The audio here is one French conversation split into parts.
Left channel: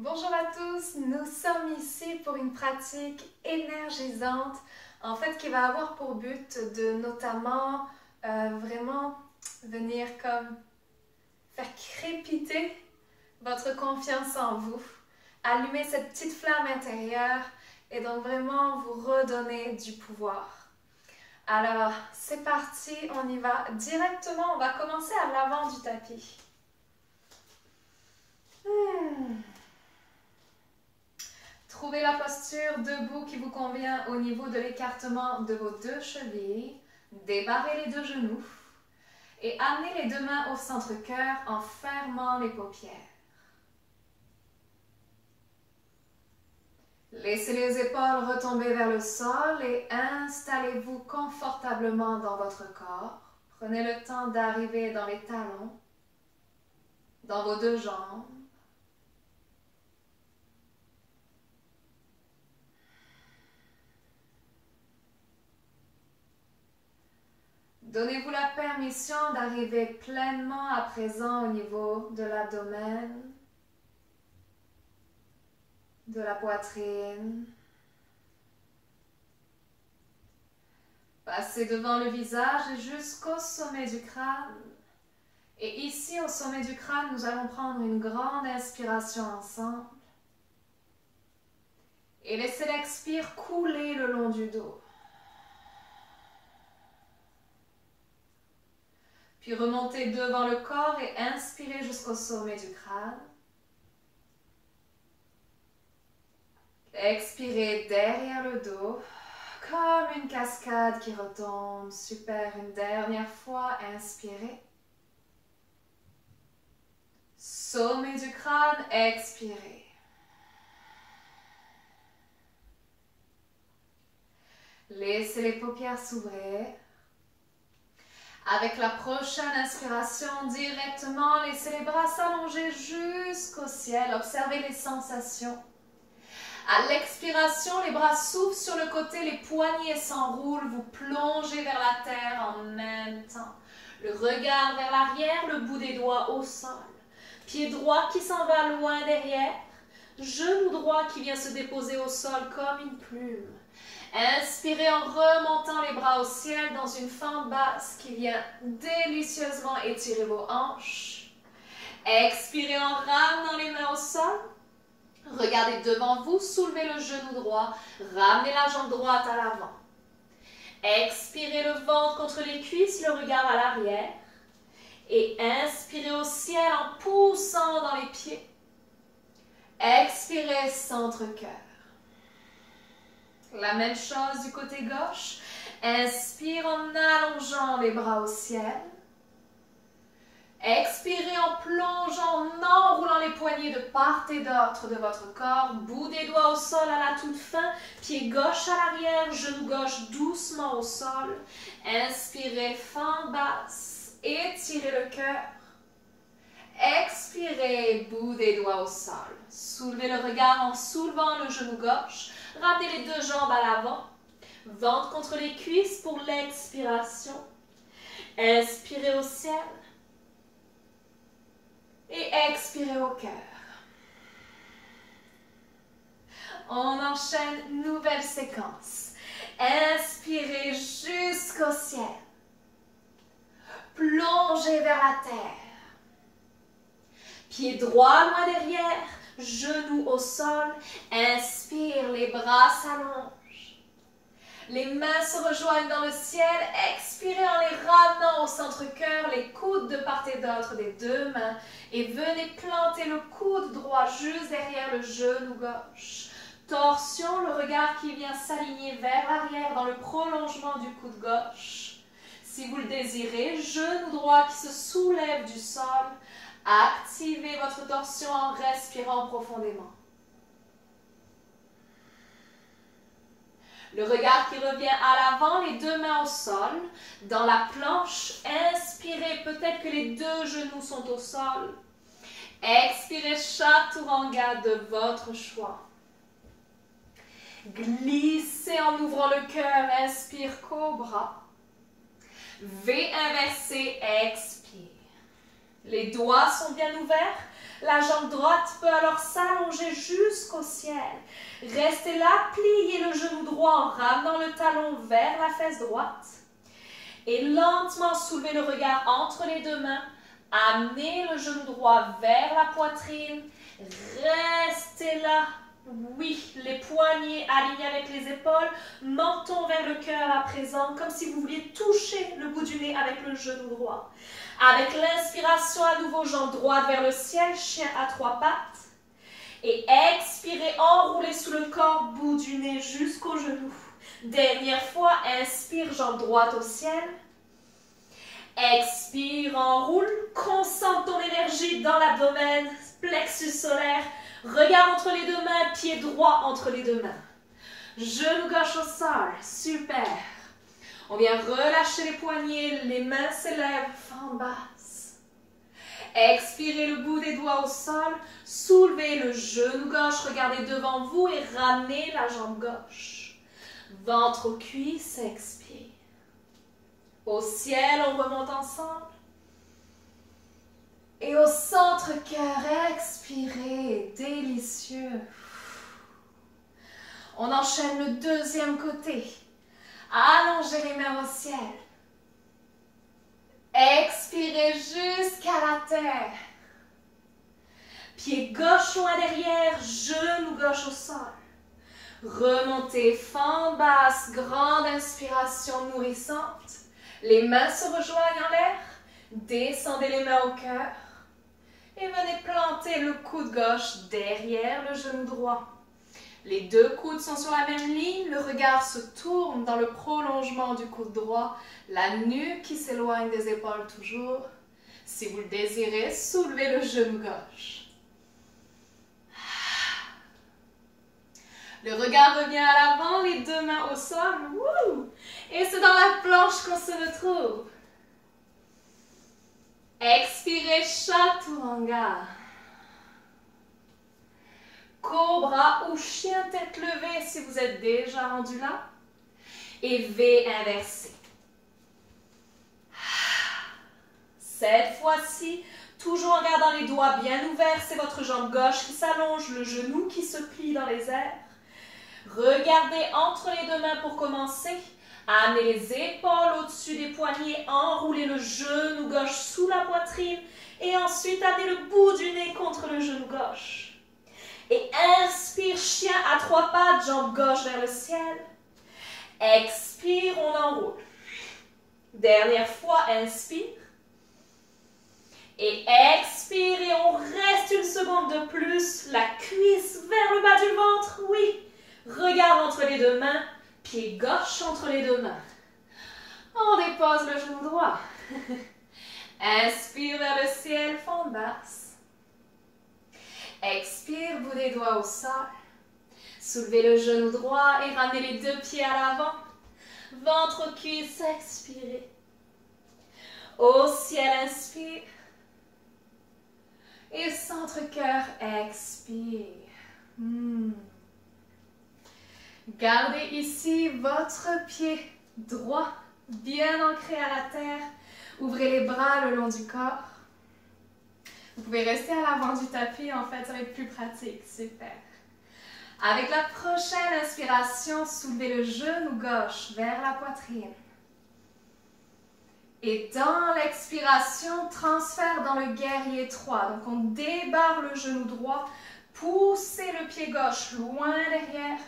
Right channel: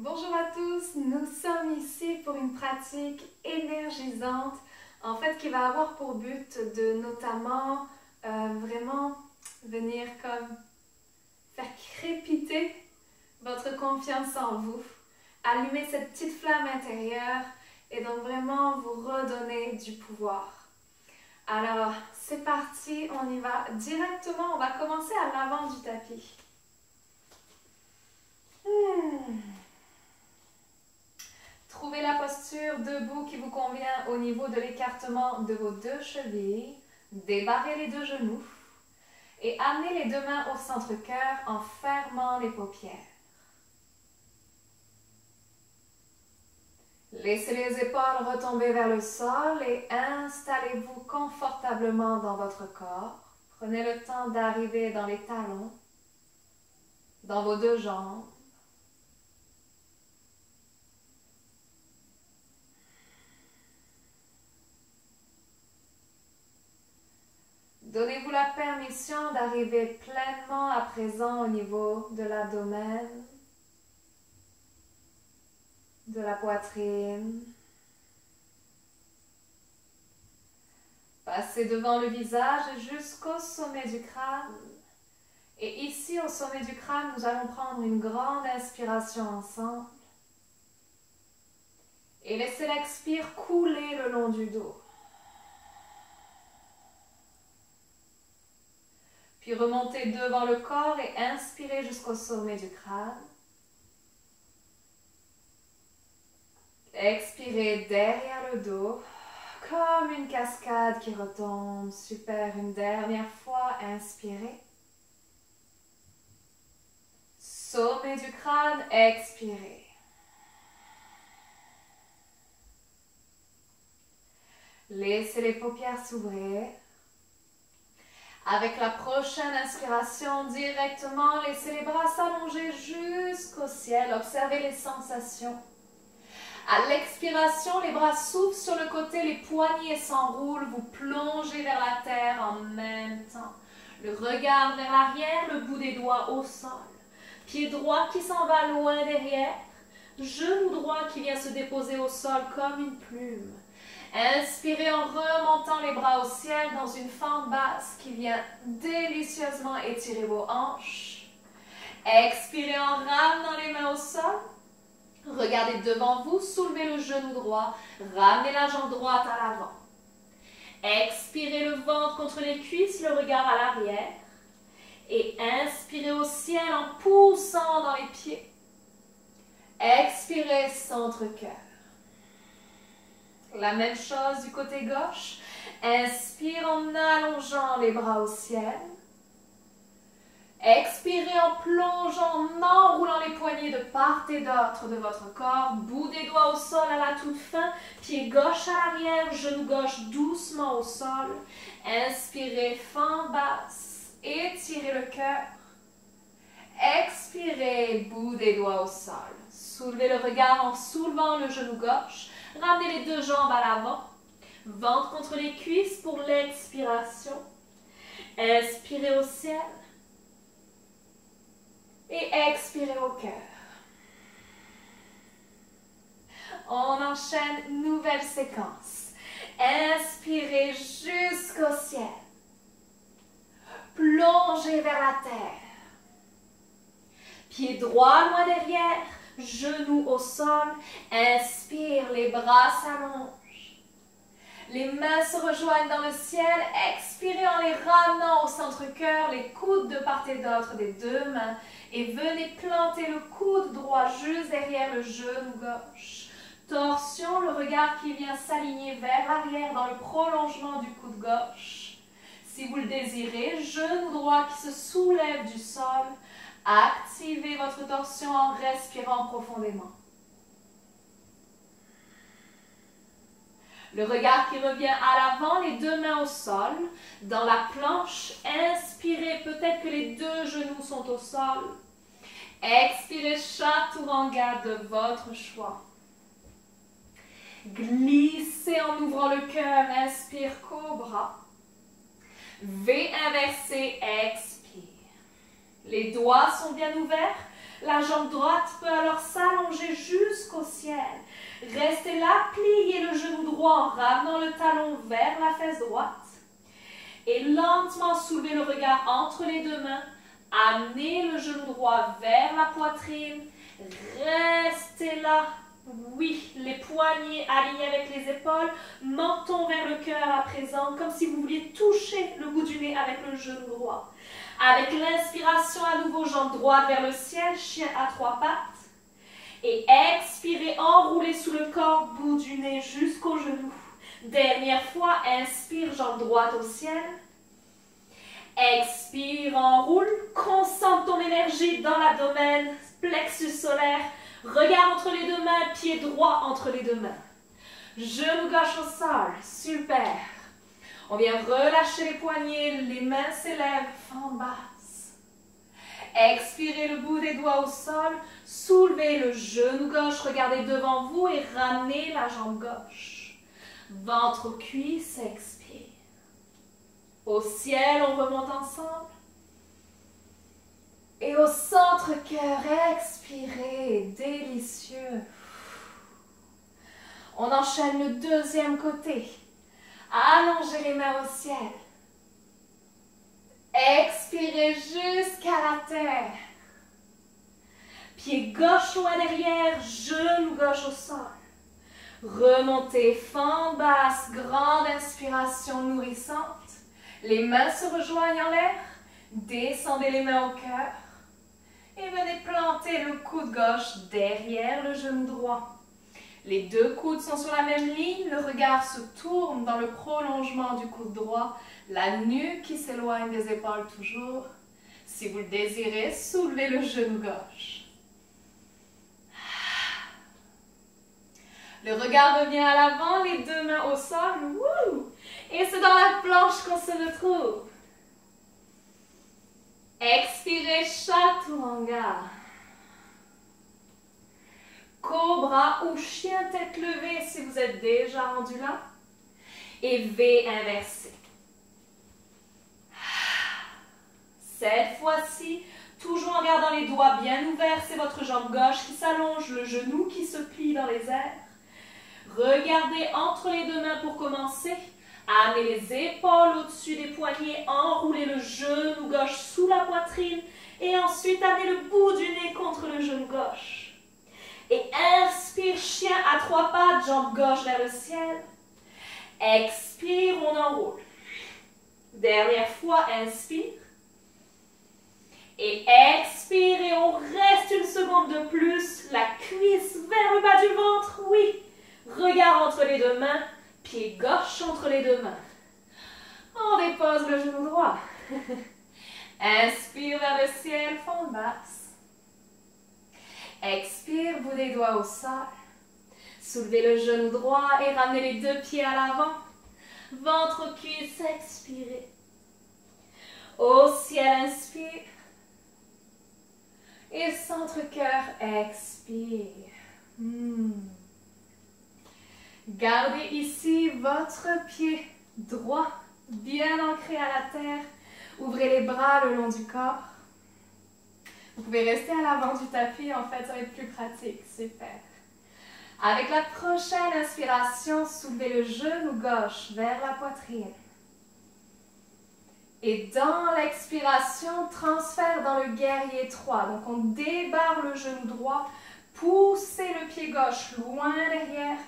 Bonjour à tous, nous sommes ici pour une pratique énergisante, en fait qui va avoir pour but de notamment vraiment venir comme faire crépiter votre confiance en vous, allumer cette petite flamme intérieure et donc vraiment vous redonner du pouvoir. Alors c'est parti, on y va directement, on va commencer à l'avant du tapis. Trouvez la posture debout qui vous convient au niveau de l'écartement de vos deux chevilles. Débarrez les deux genoux et amenez les deux mains au centre-cœur en fermant les paupières. Laissez les épaules retomber vers le sol et installez-vous confortablement dans votre corps. Prenez le temps d'arriver dans les talons, dans vos deux jambes. Donnez-vous la permission d'arriver pleinement à présent au niveau de l'abdomen, de la poitrine. Passez devant le visage jusqu'au sommet du crâne. Et ici, au sommet du crâne, nous allons prendre une grande inspiration ensemble. Et laissez l'expire couler le long du dos. Puis remontez devant le corps et inspirez jusqu'au sommet du crâne. Expirez derrière le dos, comme une cascade qui retombe. Super, une dernière fois, inspirez. Sommet du crâne, expirez. Laissez les paupières s'ouvrir. Avec la prochaine inspiration, directement, laissez les bras s'allonger jusqu'au ciel. Observez les sensations. À l'expiration, les bras s'ouvrent sur le côté, les poignets s'enroulent, vous plongez vers la terre en même temps. Le regard vers l'arrière, le bout des doigts au sol. Pied droit qui s'en va loin derrière. Genou droit qui vient se déposer au sol comme une plume. Inspirez en remontant les bras au ciel dans une fente basse qui vient délicieusement étirer vos hanches. Expirez en ramenant les mains au sol. Regardez devant vous, soulevez le genou droit, ramenez la jambe droite à l'avant. Expirez le ventre contre les cuisses, le regard à l'arrière. Et inspirez au ciel en poussant dans les pieds. Expirez centre-cœur. La même chose du côté gauche. Inspire en allongeant les bras au ciel. Expirez en plongeant, en enroulant les poignets de part et d'autre de votre corps. Bout des doigts au sol à la toute fin. Pied gauche à l'arrière, genou gauche doucement au sol. Inspirez, fente basse. Étirez le cœur. Expirez, bout des doigts au sol. Soulevez le regard en soulevant le genou gauche. Ramenez les deux jambes à l'avant. Ventre contre les cuisses pour l'expiration. Inspirez au ciel. Et expirez au cœur. On enchaîne, nouvelle séquence. Inspirez jusqu'au ciel. Plongez vers la terre. Pied droit loin derrière, genoux au sol. Inspire, les bras s'allongent. Les mains se rejoignent dans le ciel. Expirez en les ramenant au centre-cœur, les coudes de part et d'autre des deux mains. Et venez planter le coude droit juste derrière le genou gauche. Torsion, le regard qui vient s'aligner vers l'arrière dans le prolongement du coude gauche. Si vous le désirez, genou droit qui se soulève du sol. Activez votre torsion en respirant profondément. Le regard qui revient à l'avant, les deux mains au sol. Dans la planche, inspirez, peut-être que les deux genoux sont au sol. Expirez, chaturanga de votre choix. Glissez en ouvrant le cœur, inspire, cobra. V inversé, expire. Les doigts sont bien ouverts. La jambe droite peut alors s'allonger jusqu'au ciel. Restez là, pliez le genou droit en ramenant le talon vers la fesse droite. Et lentement soulevez le regard entre les deux mains. Amenez le genou droit vers la poitrine. Restez là. Oui, les poignets alignés avec les épaules. Menton vers le cœur à présent, comme si vous vouliez toucher le bout du nez avec le genou droit. Avec l'inspiration, à nouveau, jambe droite vers le ciel, chien à 3 pattes. Et expirez, enroulez sous le corps, bout du nez jusqu'au genou. Dernière fois, inspire, jambe droite au ciel. Expire, enroule, concentre ton énergie dans l'abdomen, plexus solaire, regard entre les deux mains, pied droit entre les deux mains. Genou gauche au sol, super. On vient relâcher les poignets, les mains s'élèvent, fente basse. Expirez le bout des doigts au sol, soulevez le genou gauche, regardez devant vous et ramenez la jambe gauche. Ventre aux cuisses, expire. Au ciel, on remonte ensemble. Et au centre-cœur, expirez, délicieux. On enchaîne le deuxième côté. Allongez les mains au ciel. Expirez jusqu'à la terre. Pied gauche loin derrière, genou gauche au sol. Remontez, fente basse, grande inspiration nourrissante. Les mains se rejoignent en l'air. Descendez les mains au cœur. Et venez planter le coude gauche derrière le genou droit. Les deux coudes sont sur la même ligne, le regard se tourne dans le prolongement du coude droit, la nuque qui s'éloigne des épaules toujours. Si vous le désirez, soulevez le genou gauche. Le regard revient à l'avant, les deux mains au sol. Wouh! Et c'est dans la planche qu'on se retrouve. Expirez, chaturanga. Cobra ou chien tête levée si vous êtes déjà rendu là. Et V inversé. Cette fois-ci, toujours en gardant les doigts bien ouverts, c'est votre jambe gauche qui s'allonge, le genou qui se plie dans les airs. Regardez entre les deux mains pour commencer. Amenez les épaules au-dessus des poignets, enroulez le genou gauche sous la poitrine et ensuite amenez le bout du nez contre le genou gauche. Et inspire, chien à 3 pattes, jambe gauche vers le ciel. Expire, on enroule. Dernière fois, inspire. Et expire et on reste une seconde de plus. La cuisse vers le bas du ventre, oui. Regard entre les deux mains, pied gauche entre les deux mains. On dépose le genou droit. Inspire vers le ciel, fente basse. Expire, bout des doigts au sol. Soulevez le genou droit et ramenez les deux pieds à l'avant. Ventre, cuisse, expirez. Au ciel, inspire. Et centre-cœur, expire. Gardez ici votre pied droit, bien ancré à la terre. Ouvrez les bras le long du corps. Vous pouvez rester à l'avant du tapis, en fait, ça va être plus pratique. Super. Avec la prochaine inspiration, soulevez le genou gauche vers la poitrine. Et dans l'expiration, transfert dans le guerrier 3. Donc, on débarre le genou droit, poussez le pied gauche loin derrière,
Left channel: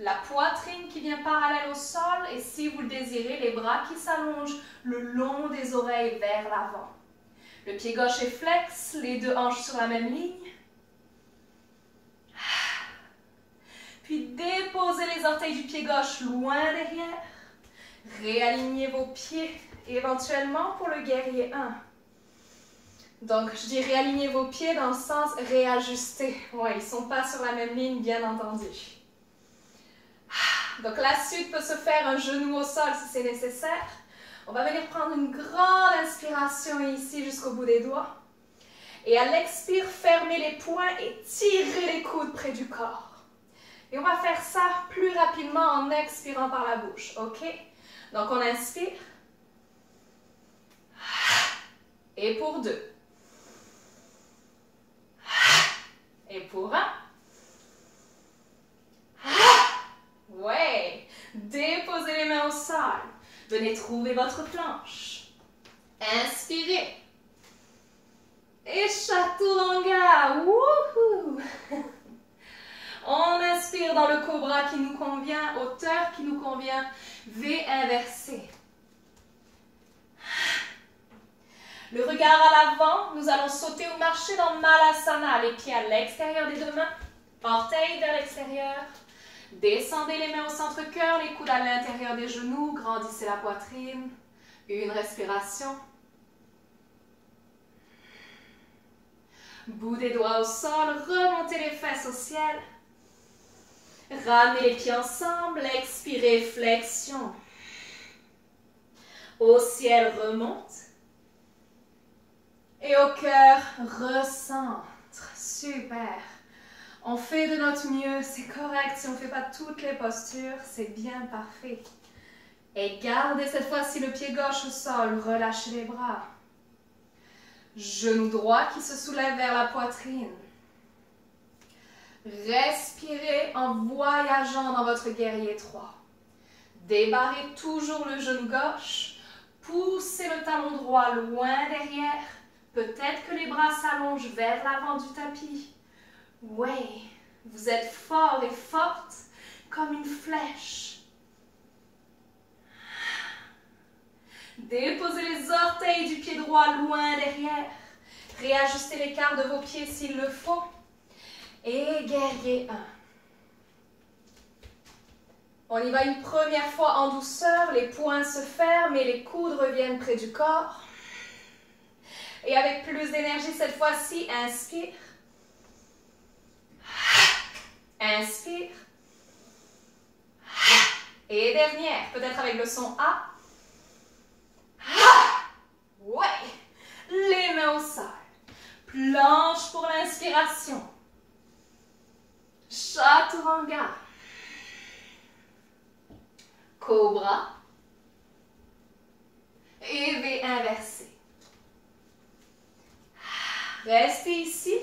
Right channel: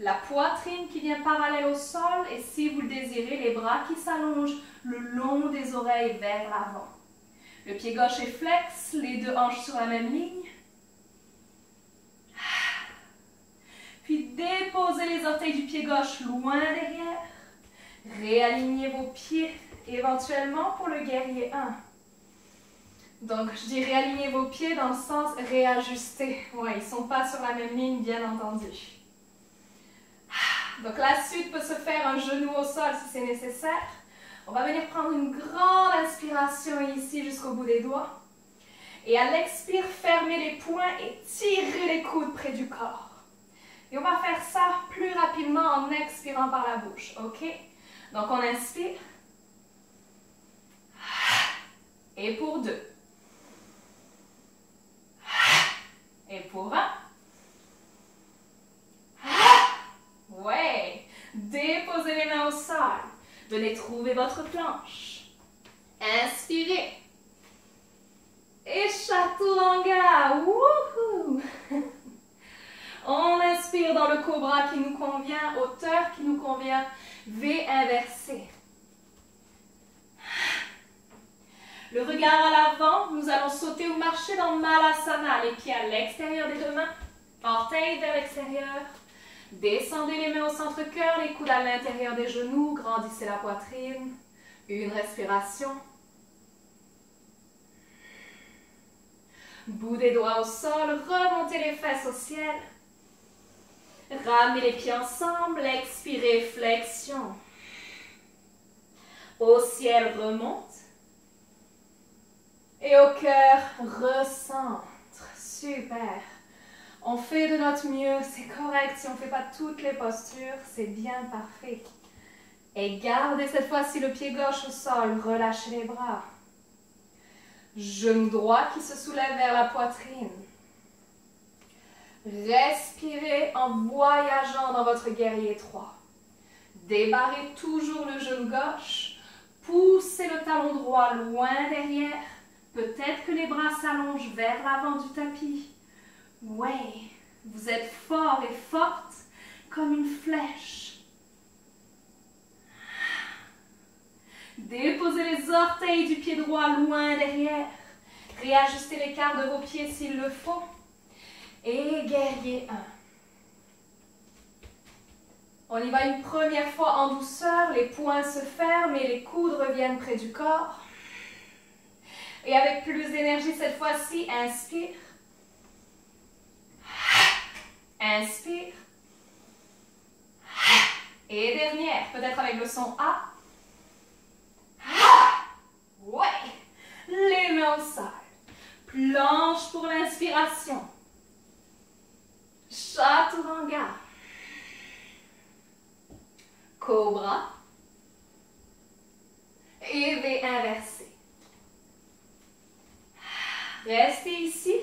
la poitrine qui vient parallèle au sol et si vous le désirez, les bras qui s'allongent le long des oreilles vers l'avant. Le pied gauche est flex, les deux hanches sur la même ligne. Puis déposez les orteils du pied gauche loin derrière. Réalignez vos pieds éventuellement pour le guerrier 1. Donc, je dis réalignez vos pieds dans le sens réajuster. Oui, ils ne sont pas sur la même ligne, bien entendu. Donc, la suite peut se faire un genou au sol si c'est nécessaire. On va venir prendre une grande inspiration ici jusqu'au bout des doigts. Et à l'expire, fermez les poings et tirez les coudes près du corps. Et on va faire ça plus rapidement en expirant par la bouche, ok? Donc, on inspire. Et pour 2. pour 1. Ouais. Déposez les mains au sol. Venez trouver votre planche. Inspirez. Et Chaturanga. Wouhou! On inspire dans le cobra qui nous convient, hauteur qui nous convient, V inversé. Le regard à l'avant, nous allons sauter ou marcher dans Malasana, les pieds à l'extérieur des deux mains, orteils vers l'extérieur. Descendez les mains au centre-cœur, les coudes à l'intérieur des genoux, grandissez la poitrine. Une respiration. Bout des doigts au sol, remontez les fesses au ciel. Ramenez les pieds ensemble, expirez, flexion. Au ciel, remonte. Et au cœur, recentre. Super. On fait de notre mieux, c'est correct. Si on ne fait pas toutes les postures, c'est bien parfait. Et gardez cette fois-ci le pied gauche au sol, relâchez les bras. Genou droit qui se soulève vers la poitrine. Respirez en voyageant dans votre guerrier 3. Débarrez toujours le genou gauche. Poussez le talon droit loin derrière. Peut-être que les bras s'allongent vers l'avant du tapis. Ouais, vous êtes fort et forte comme une flèche. Déposez les orteils du pied droit loin derrière. Réajustez l'écart de vos pieds s'il le faut. Et guerrier 1. On y va une première fois en douceur. Les poings se ferment et les coudes reviennent près du corps. Et avec plus d'énergie cette fois-ci, inspire. Inspire. Et dernière, peut-être avec le son A. Ouais. Les mains au sol. Planche pour l'inspiration. Chaturanga. Cobra. Et V inversé. Restez ici.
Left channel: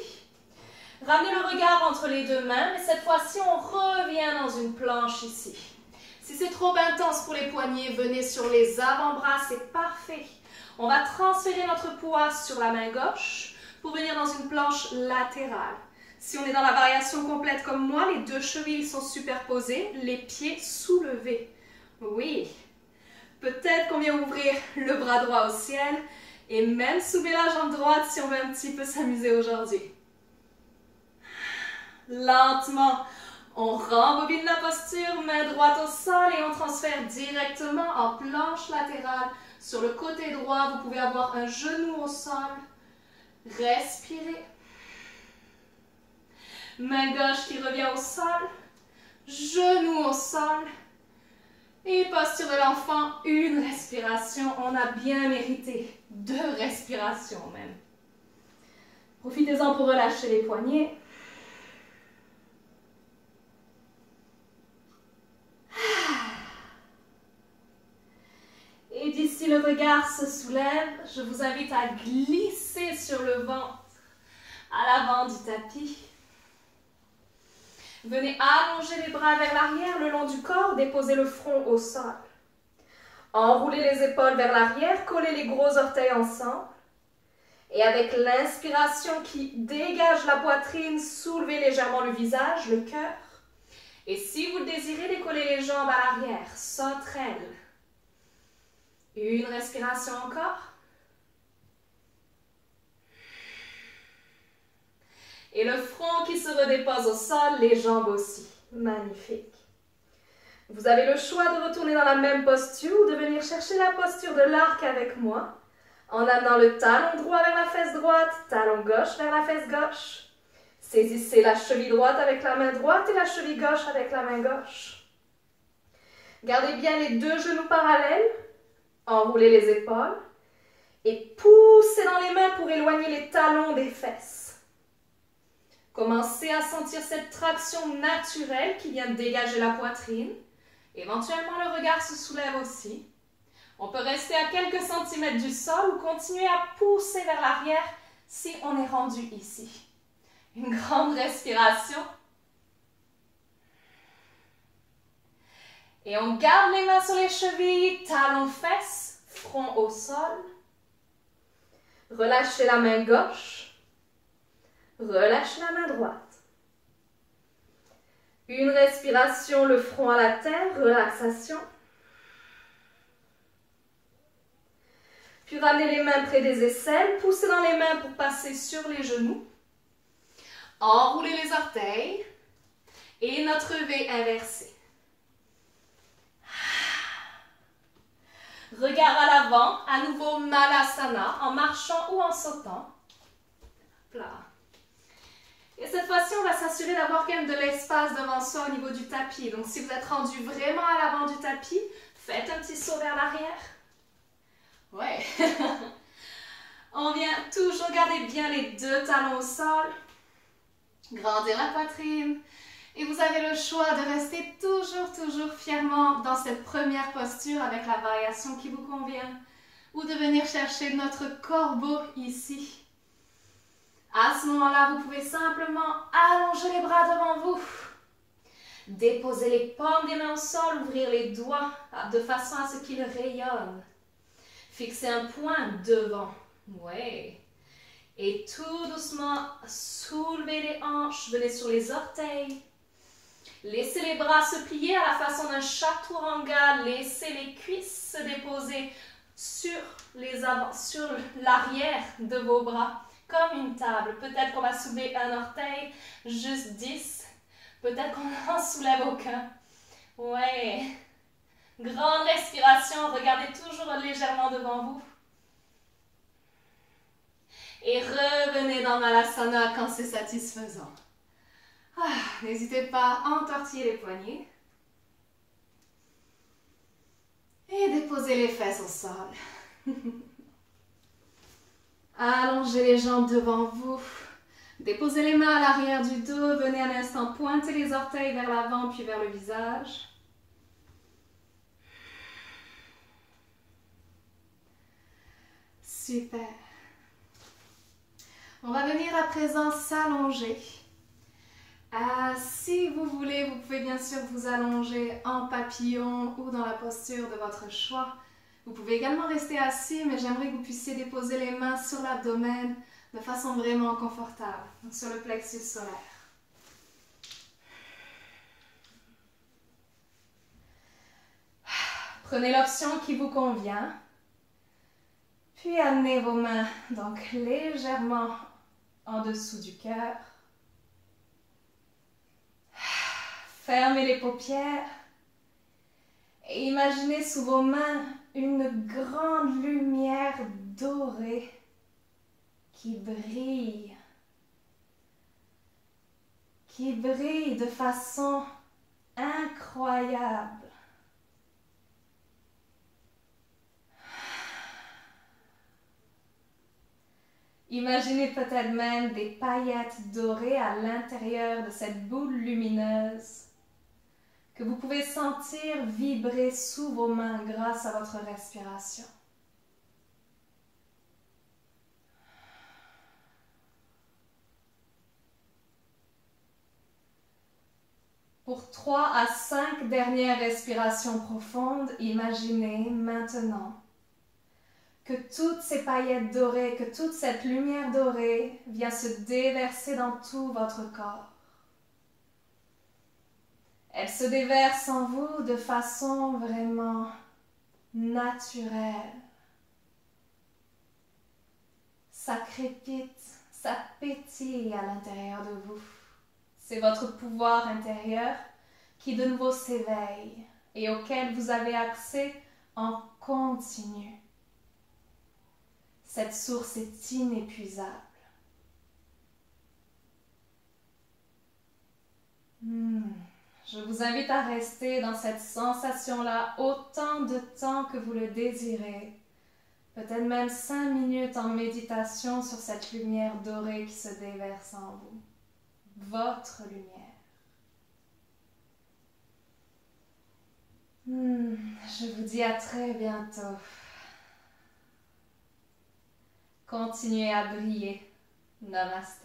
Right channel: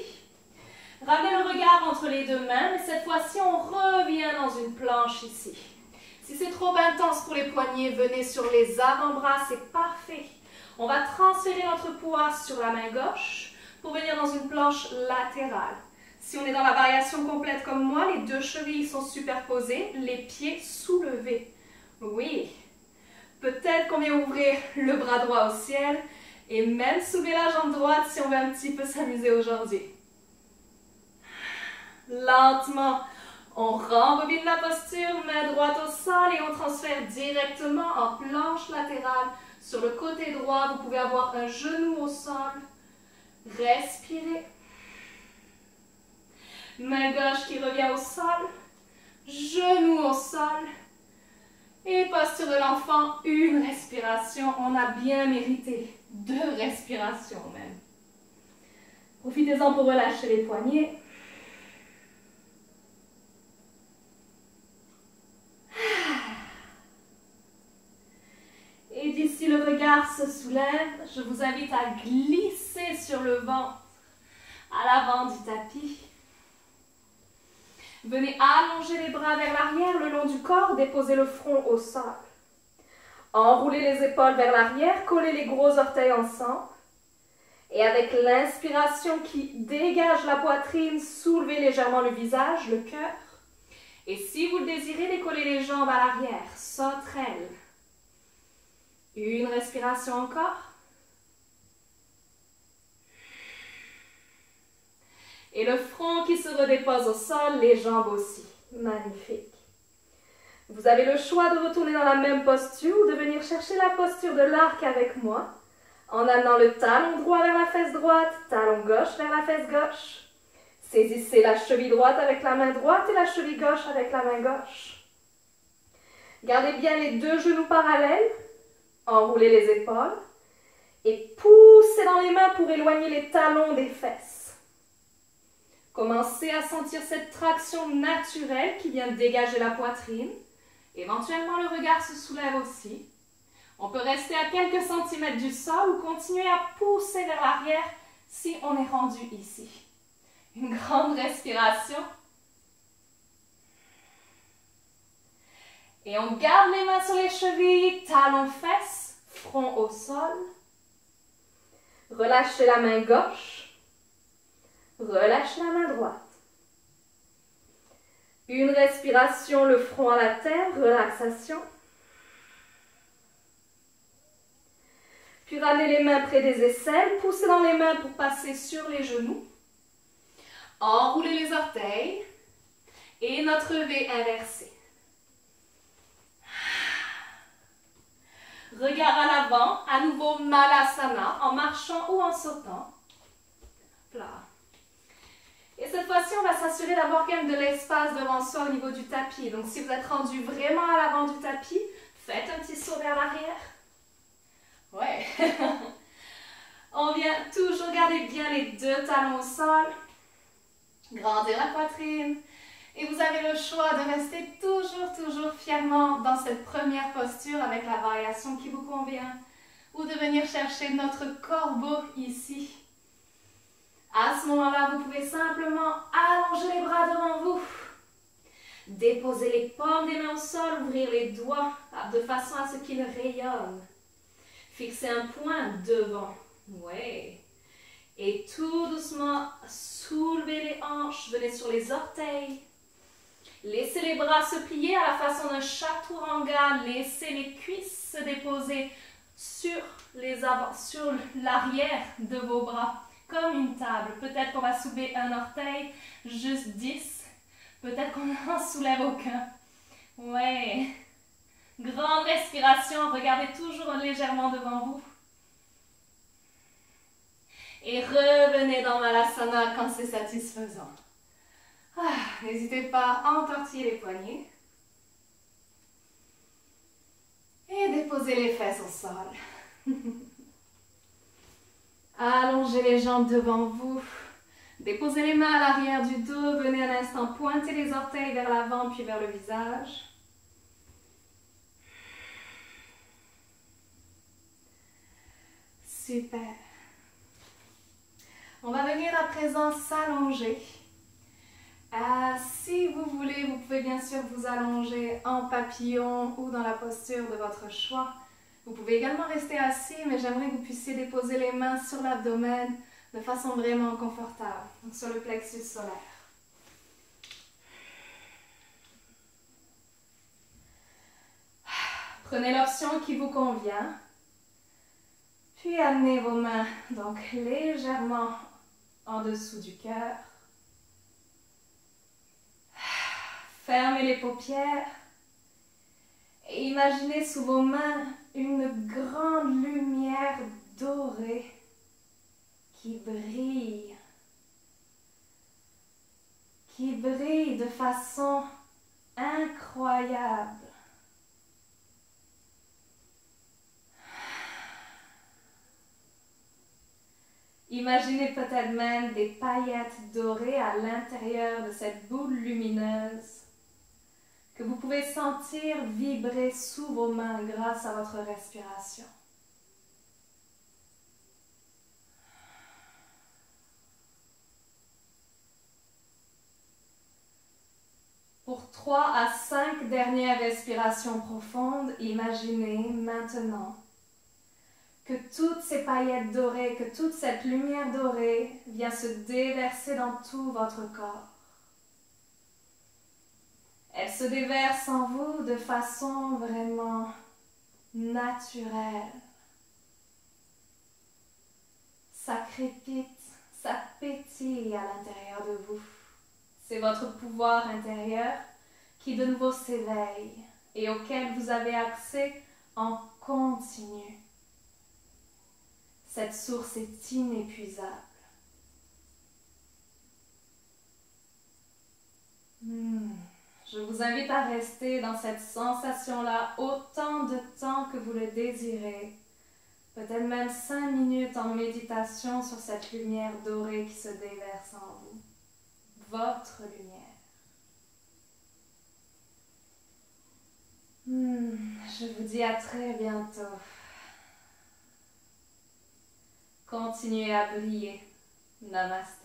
Ramenez le regard entre les deux mains, mais cette fois-ci, on revient dans une planche ici. Si c'est trop intense pour les poignets, venez sur les avant-bras, c'est parfait. On va transférer notre poids sur la main gauche pour venir dans une planche latérale. Si on est dans la variation complète comme moi, les deux chevilles sont superposées, les pieds soulevés. Oui, peut-être qu'on vient ouvrir le bras droit au ciel et même soulever la jambe droite si on veut un petit peu s'amuser aujourd'hui. Lentement, on rembobine la posture, main droite au sol et on transfère directement en planche latérale. Sur le côté droit, vous pouvez avoir un genou au sol. Respirez. Main gauche qui revient au sol. Genou au sol. Et posture de l'enfant, une respiration. On a bien mérité. 2 respirations même. Profitez-en pour relâcher les poignets. Et d'ici le regard se soulève, je vous invite à glisser sur le ventre à l'avant du tapis. Venez allonger les bras vers l'arrière le long du corps, déposez le front au sol. Enroulez les épaules vers l'arrière, collez les gros orteils ensemble. Et avec l'inspiration qui dégage la poitrine, soulevez légèrement le visage, le cœur. Et si vous le désirez, décollez les jambes à l'arrière, sauterelle. Une respiration encore. Et le front qui se redépose au sol, les jambes aussi. Magnifique. Vous avez le choix de retourner dans la même posture ou de venir chercher la posture de l'arc avec moi, en amenant le talon droit vers la fesse droite, talon gauche vers la fesse gauche. Saisissez la cheville droite avec la main droite et la cheville gauche avec la main gauche. Gardez bien les 2 genoux parallèles. Enroulez les épaules et poussez dans les mains pour éloigner les talons des fesses. Commencez à sentir cette traction naturelle qui vient dégager la poitrine. Éventuellement, le regard se soulève aussi. On peut rester à quelques centimètres du sol ou continuer à pousser vers l'arrière si on est rendu ici. Une grande respiration. Et on garde les mains sur les chevilles, talons fesses, front au sol. Relâchez la main gauche. Relâchez la main droite. Une respiration, le front à la terre, relaxation. Puis ramenez les mains près des aisselles, poussez dans les mains pour passer sur les genoux. Enroulez les orteils et notre V inversé. Regard à l'avant, à nouveau Malasana, en marchant ou en sautant. Là. Et cette fois-ci, on va s'assurer d'avoir quand même de l'espace devant soi au niveau du tapis. Donc si vous êtes rendu vraiment à l'avant du tapis, faites un petit saut vers l'arrière. Ouais. On vient toujours garder bien les deux talons au sol. Grandir la poitrine. Et vous avez le choix de rester toujours fièrement dans cette première posture avec la variation qui vous convient. Ou de venir chercher notre corbeau ici. À ce moment-là, vous pouvez simplement allonger les bras devant vous. Déposer les paumes des mains au sol, ouvrir les doigts de façon à ce qu'ils rayonnent. Fixez un point devant. Ouais. Et tout doucement, soulevez les hanches, venez sur les orteils. Laissez les bras se plier à la façon d'un chaturanga. Laissez les cuisses se déposer sur l'arrière de vos bras, comme une table. Peut-être qu'on va soulever un orteil, juste 10. Peut-être qu'on n'en soulève aucun. Ouais. Grande respiration, regardez toujours légèrement devant vous. Et revenez dans Malasana quand c'est satisfaisant. N'hésitez pas à entortiller les poignets. Et déposez les fesses au sol. Allongez les jambes devant vous. Déposez les mains à l'arrière du dos. Venez un instant pointer les orteils vers l'avant puis vers le visage. Super. On va venir à présent s'allonger. Si vous voulez, vous pouvez bien sûr vous allonger en papillon ou dans la posture de votre choix. Vous pouvez également rester assis, mais j'aimerais que vous puissiez déposer les mains sur l'abdomen de façon vraiment confortable, donc sur le plexus solaire. Prenez l'option qui vous convient. Puis amenez vos mains donc légèrement en dessous du cœur. Fermez les paupières et imaginez sous vos mains une grande lumière dorée qui brille de façon incroyable. Imaginez peut-être même des paillettes dorées à l'intérieur de cette boule lumineuse que vous pouvez sentir vibrer sous vos mains grâce à votre respiration. Pour 3 à 5 dernières respirations profondes, imaginez maintenant que toutes ces paillettes dorées, que toute cette lumière dorée vient se déverser dans tout votre corps. Elle se déverse en vous de façon vraiment naturelle. Ça crépite, ça pétille à l'intérieur de vous. C'est votre pouvoir intérieur qui de nouveau s'éveille et auquel vous avez accès en continu. Cette source est inépuisable. Je vous invite à rester dans cette sensation-là autant de temps que vous le désirez. Peut-être même 5 minutes en méditation sur cette lumière dorée qui se déverse en vous. Votre lumière. Je vous dis à très bientôt. Continuez à briller. Namaste.